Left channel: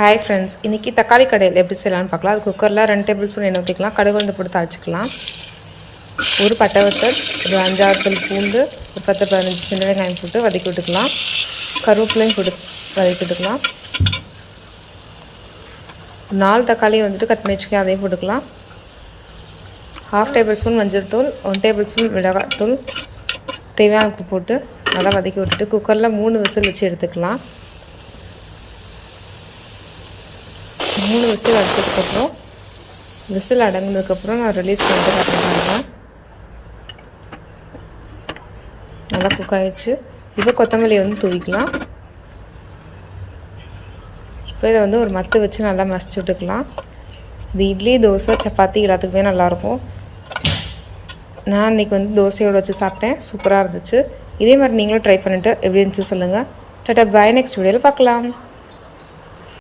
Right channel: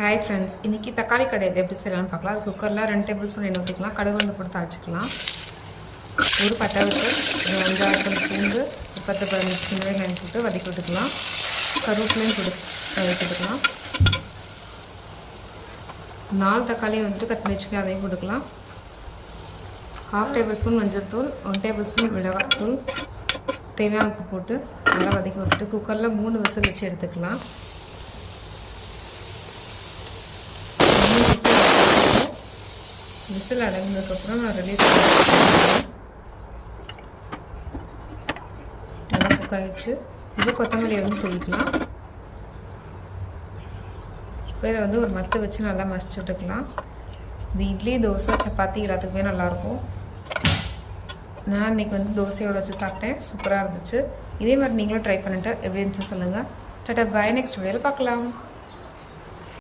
Hi friends, இன்றைக்கி தக்காளி கடையில் எப்படி செய்யலாம்னு பார்க்கலாம். அது குக்கரில் 2 டேபிள் ஸ்பூன் எண்ணெய் ஊற்றிக்கலாம். கடுகு வந்து போட்டு தாளிச்சிக்கலாம். ஒரு பட்டை வத்தல், ஒரு 5-6 பல் பூண்டு, ஒரு 10-15 சின்ன வெங்காயம் போட்டு வதக்கி விட்டுக்கலாம். கருவேப்பிலையும் போட்டு வதக்கி விட்டுக்கலாம். 4 தக்காளியை வந்துட்டு கட் பண்ணி வச்சுக்கலாம், அதையும் போட்டுக்கலாம். 1/2 டேபிள் ஸ்பூன் மஞ்சள் தூள், 1 டேபிள் ஸ்பூன் மிளகாய் தூள், தேவையான உப்பு போட்டு நல்லா வதக்கி விட்டுட்டு குக்கரில் 3 விசில் வச்சு எடுத்துக்கலாம். 3 விசில் வச்சதுக்கப்புறம் விசில் அடங்கினதுக்கப்புறம் நான் ரிலீஸ் பண்ணிட்டு பார்க்கலாம். நல்லா குக் ஆகிடுச்சு. இப்போ கொத்தமல்லியை வந்து தூவிக்கலாம். இப்போ இதை வந்து ஒரு மத்து வச்சு நல்லா மசிச்சு விட்டுக்கலாம். இது இட்லி, தோசை, சப்பாத்தி எல்லாத்துக்குமே நல்லாயிருக்கும். நான் இன்றைக்கி வந்து தோசையோடு வச்சு சாப்பிட்டேன். சூப்பராக இருந்துச்சு. இதே மாதிரி நீங்களும் ட்ரை பண்ணிவிட்டு எப்படி இருந்துச்சு சொல்லுங்கள். டாடா, பாய். நெக்ஸ்ட் வீடியோவில் பார்க்கலாம்.